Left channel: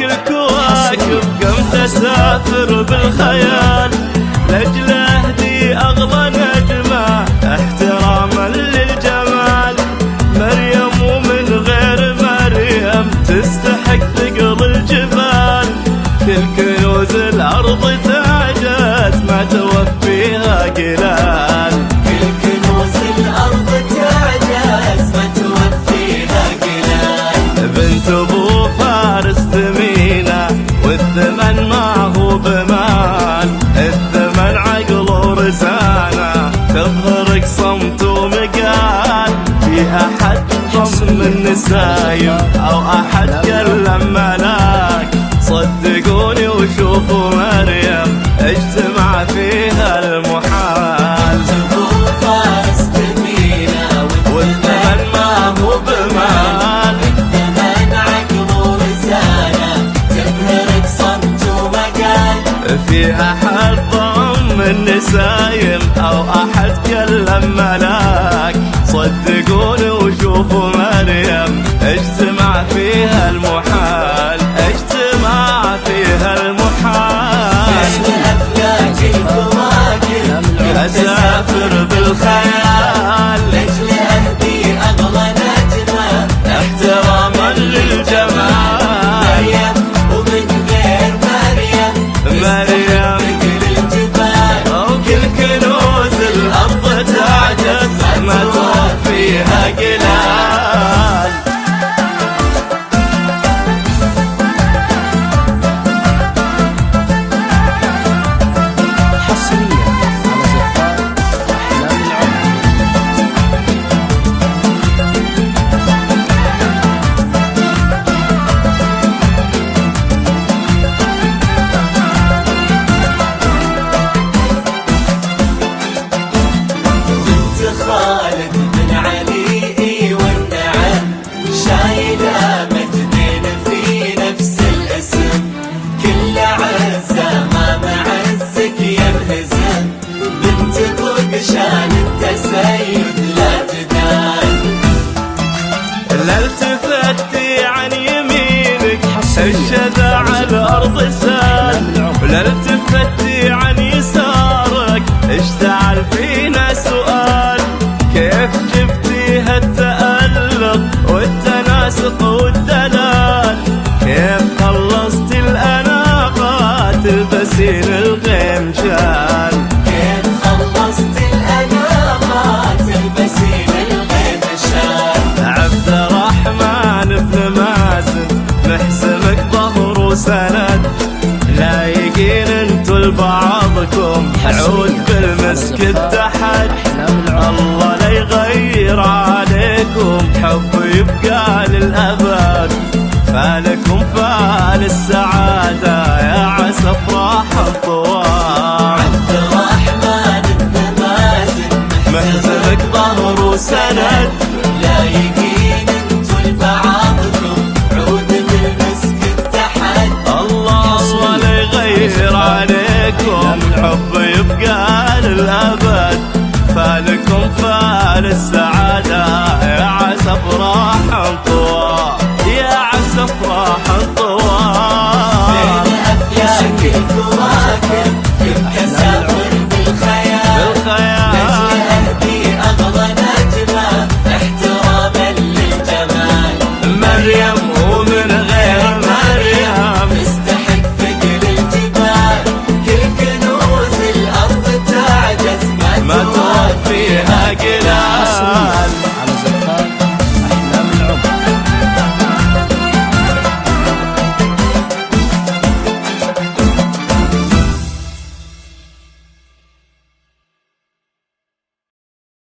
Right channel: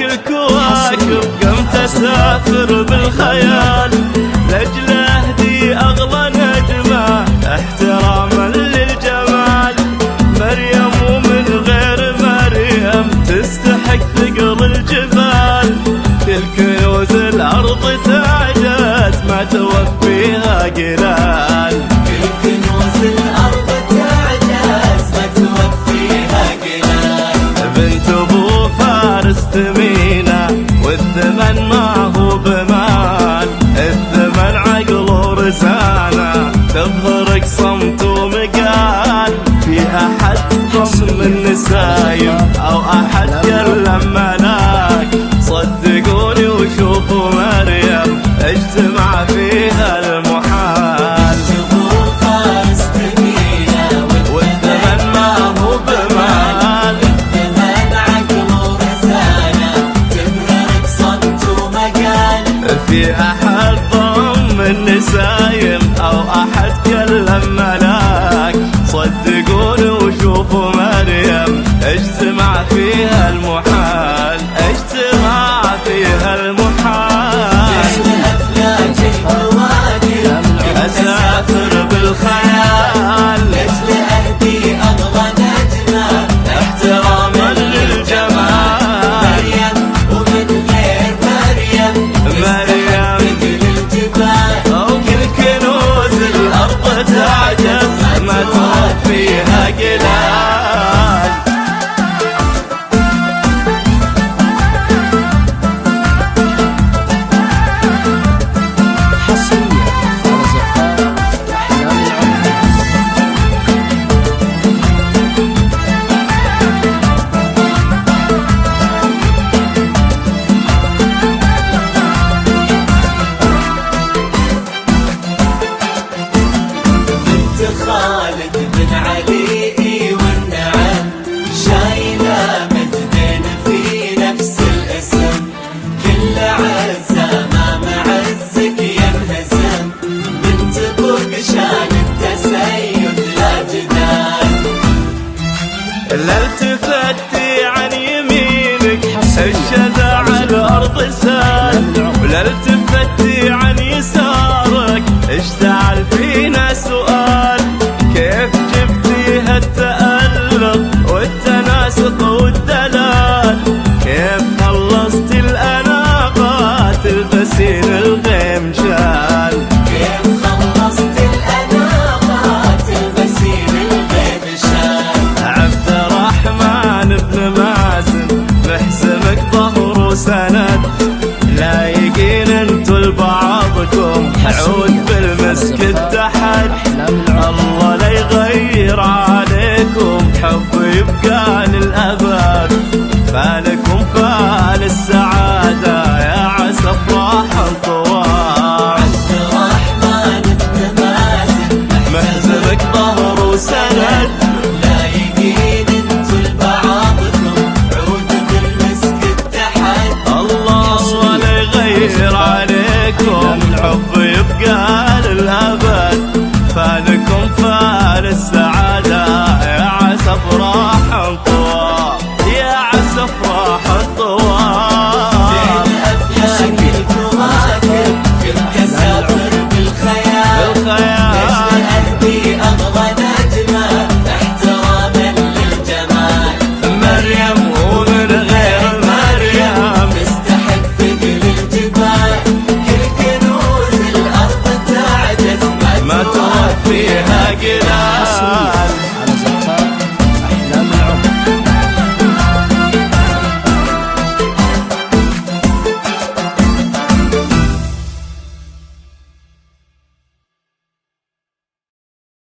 الكواكب قمت اسافر بالخيال لاجل اهدي اغلى نجمه احتراما للجمال. مريم ومن غير مريم تستحق ثقل الجبال. كل كنوز الارض تعجز ما توفيها قلال. بنت ابو فارس ثمينة والثمن ما هو بمال. الثمن عقل ورزانة تظهرك صمت ومقال. في احد ضم النسايم او احد كلم ملاك. صدقوني وشوفوا مريم اجتمع فيها المحال. والثمن ما هو بمال. في احد ضم النسايم او احد كلم ملاك. صدقوني وشوفوا مريم اجتمع فيها المحال. اجتمع فيها المحال. اسافر بالخيال احتراما للجمال. مريم أو كل كنوز الأرض تعجز ما توفيها قلال. حصريا على زفار أحلام العمر. لا التفتي عن يمينك الشذا على الأرض سال. ولا التفتي عن يسارك اشتعل فينا سؤال. كيف جبتي هالتألق والتناسق والدلال؟ كيف خلصتي الأناقة تلبسين الغيم شال؟ الرحمن بن مازن محزمك ظهر وسند. لايقين انتو لبعضكم عود بالمسك اتحد. الله لا يغير عليكم حب يبقى للأبد. فالكم فال السعادة يا عسى افراح طوال. محزمك ظهر وسند. يغير عليكم حب يبقى للأبد. فالكم فال السعادة يا عسى افراح طوال. يا عسى افراح طوال. حصريا على زفار أحلام العمر. بالخيال مريم ومن غير مريم ما توفيها قلال.